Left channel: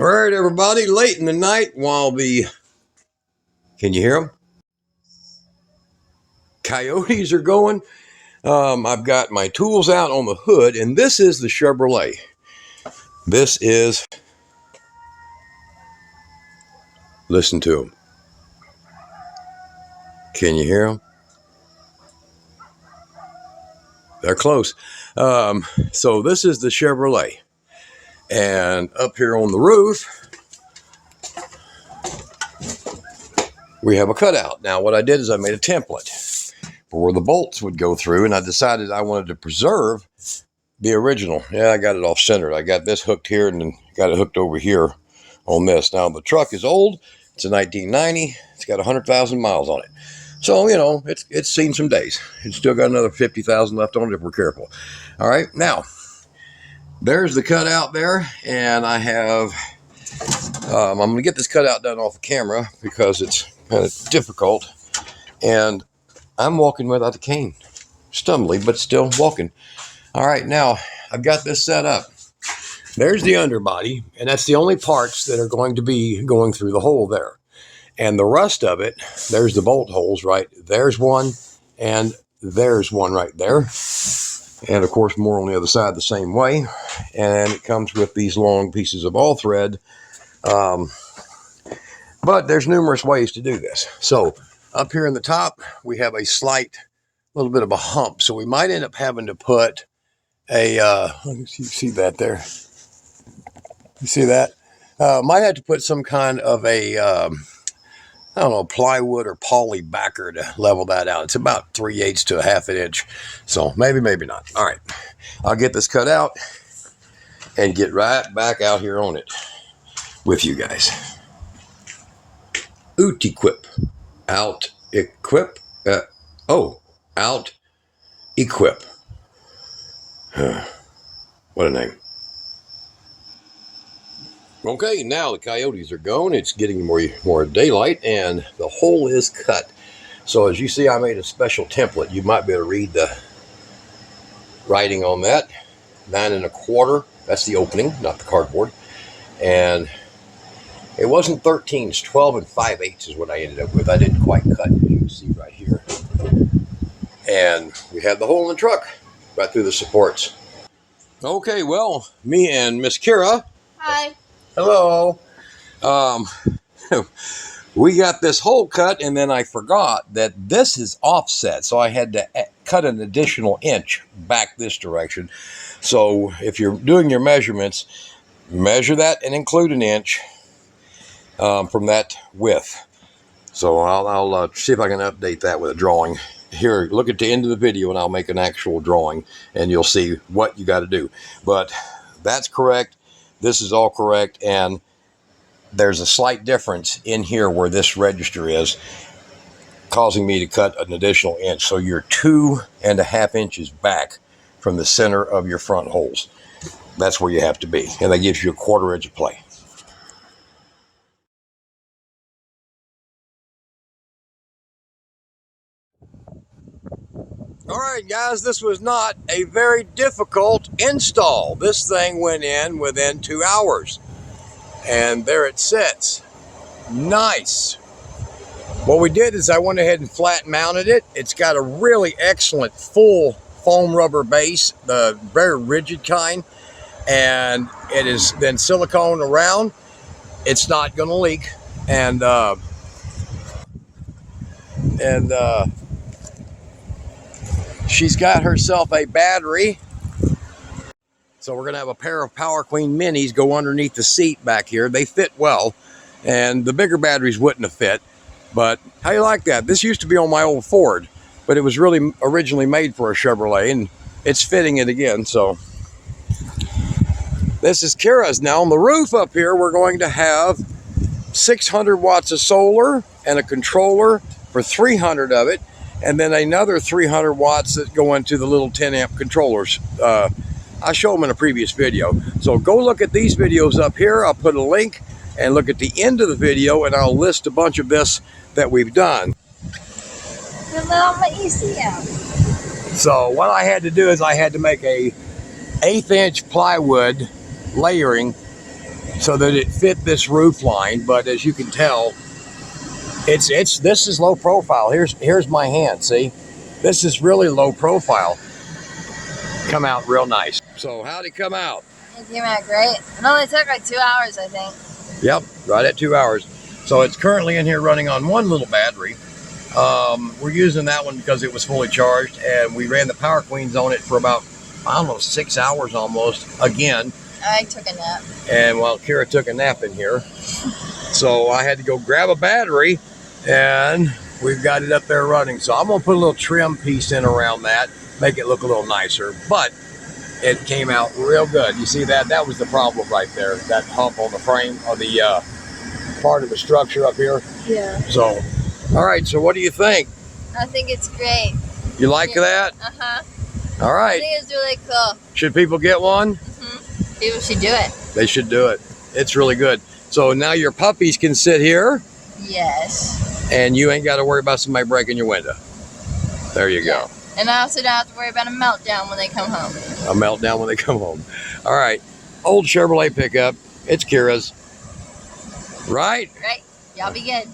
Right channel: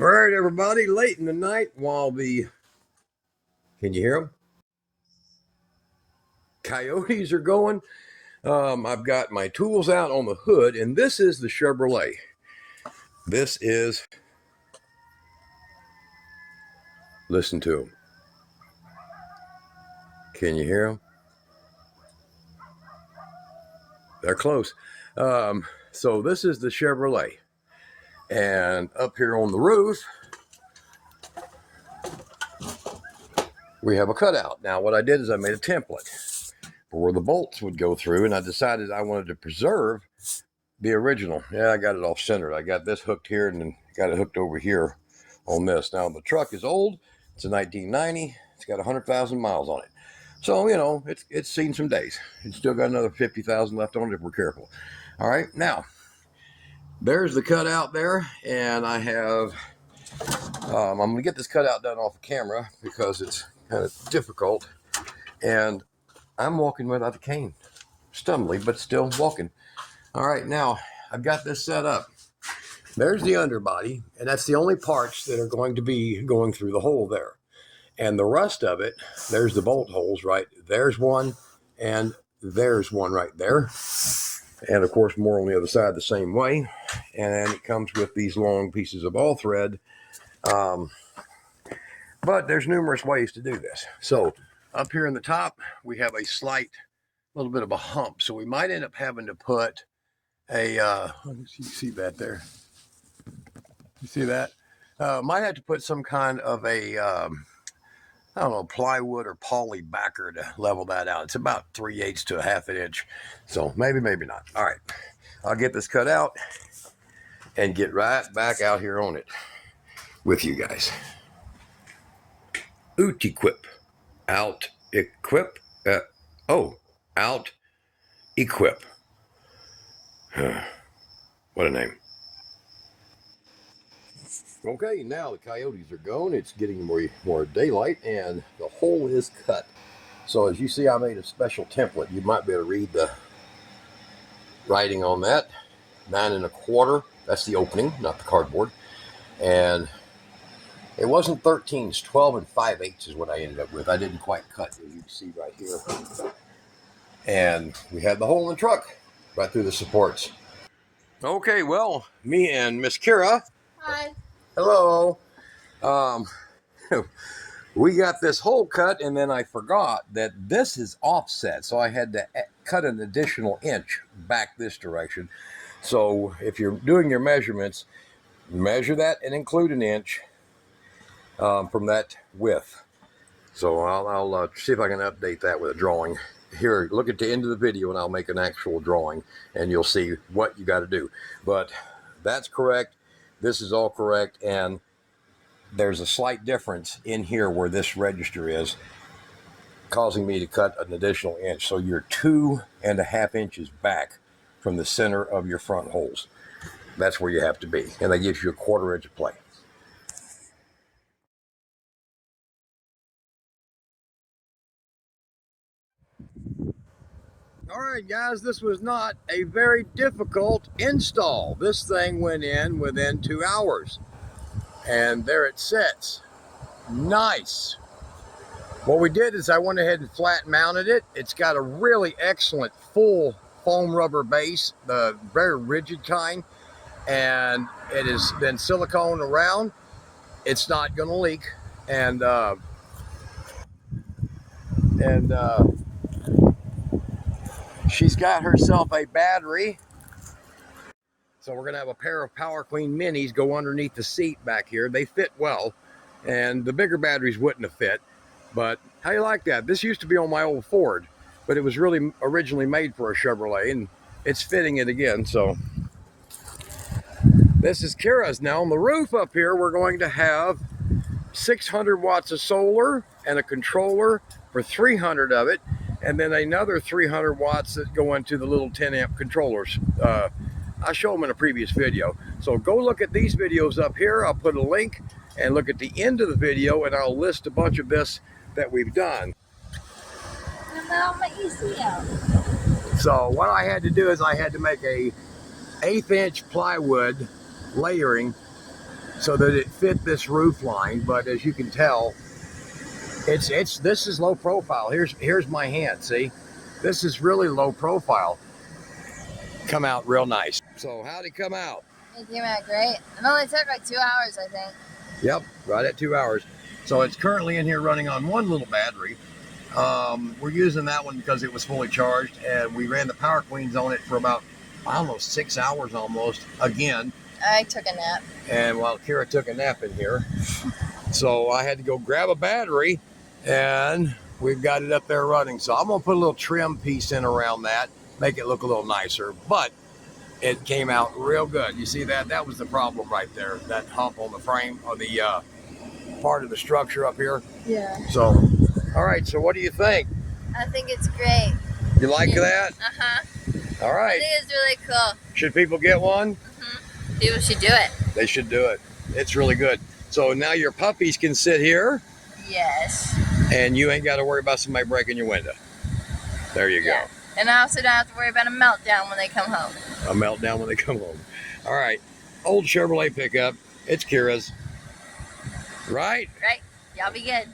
All right, everybody, late in the night while can you hear them? Coyotes are going. I've got my tools out on the hood, and this is the Chevrolet. Listen to them. Can you hear them? They're close. So this is the Chevrolet. And up here on the roof, we have a cutout. Now, what I did is I made a template for where the bolts would go through, and I decided I wanted to preserve the original. Yeah, I got it off centered. I got this hooked here and then got it hooked over here on this. Now, the truck is old. It's a 1990. It's got 100,000 miles on it. So, you know, it's seen some days. It's still got another 50,000 left on it if we're careful. All right, now, there's the cutout there, and I have, I'm going to get this cutout done off the camera because it's kind of difficult, and I'm walking without the cane. Stumbly, but still walking. All right, now, I've got this set up. There's the underbody, and that's the only parts that are going to be going through the hole there. And the rest of it, there's the bolt holes, right? There's one, and there's one right there. And, of course, more on the other side the same way. And it comes with these long pieces of all thread. But there's numerous ways to do this. So up here in the top, we have a slight little bit of a hump. So we might end up having to put a, you see that there? You see that? Might have to put some kind of a, I don't know, plywood or poly backer to level that out. It's about 3/8 to a 1/2 inch. So maybe, maybe not. All right. I'll get this cut out and get right back out here on it with you guys. OuteQuip. OuteQuip. OuteQuip. What a name. Okay, now the coyotes are gone. It's getting more daylight, and the hole is cut. So as you see, I made a special template. You might be able to read the writing on that. 9 1/4. That's the opening, not the cardboard. And it wasn't 13. It's 12 5/8 is what I ended up with. I didn't quite cut, as you can see right here. And we had the hole in the truck right through the supports. Okay, well, me and Miss Kira. Hi. Hello. We got this hole cut, and then I forgot that this is offset, so I had to cut an additional inch back this direction. So if you're doing your measurements, measure that and include an inch from that width. So I'll see if I can update that with a drawing. Here, look at the end of the video, and I'll make an actual drawing, and you'll see what you got to do. But that's correct. This is all correct, and there's a slight difference in here where this register is, causing me to cut an additional inch. So you're 2 1/2 inches back from the center of your front holes. That's where you have to be, and that gives you a 1/4 inch of play. All right, guys, this was not a very difficult install. This thing went in within 2 hours. And there it sits. Nice. What we did is I went ahead and flat mounted it. It's got a really excellent full foam rubber base, the very rigid kind. And it is then silicone around. It's not going to leak. And she's got herself a battery. So we're going to have a pair of Power Queen Minis go underneath the seat back here. They fit well, and the bigger batteries wouldn't have fit. But how you like that? This used to be on my old Ford, but it was really originally made for a Chevrolet, and it's fitting it again. So this is Kira's. Now on the roof up here, we're going to have 600 watts of solar and a controller for 300 of it, and then another 300 watts that go into the little 10 amp controllers. I showed them in a previous video. So go look at these videos up here. I'll put a link, and look at the end of the video, and I'll list a bunch of this that we've done. So what I had to do is I had to make a 1/8 inch plywood layering so that it fit this roof line. But as you can tell, this is low profile. Here's my hand. See, this is really low profile. Come out real nice. So how'd it come out? It came out great. It only took like 2 hours, I think. Yep, right at 2 hours. So it's currently in here running on one little battery. We're using that one because it was fully charged, and we ran the Power Queens on it for about, I don't know, 6 hours almost. Again. I took a nap. And well, Kira took a nap in here. So I had to go grab a battery, and we've got it up there running. So I'm gonna put a little trim piece in around that, make it look a little nicer, but it came out real good. You see that? That was the problem right there, that hump on the frame, on the part of the structure up here. Yeah. So, all right, so what do you think? I think it's great. You like that? Uh-huh. All right. I think it's really cool. Should people get one? Mm-hmm. People should do it. They should do it. It's really good. So now your puppies can sit here. Yes. And you ain't got to worry about somebody breaking your window. There you go. And I also don't have to worry about a meltdown when they come home. A meltdown when they come home. All right. Old Chevrolet pickup. It's Kira's. Right? Right. Y'all be good.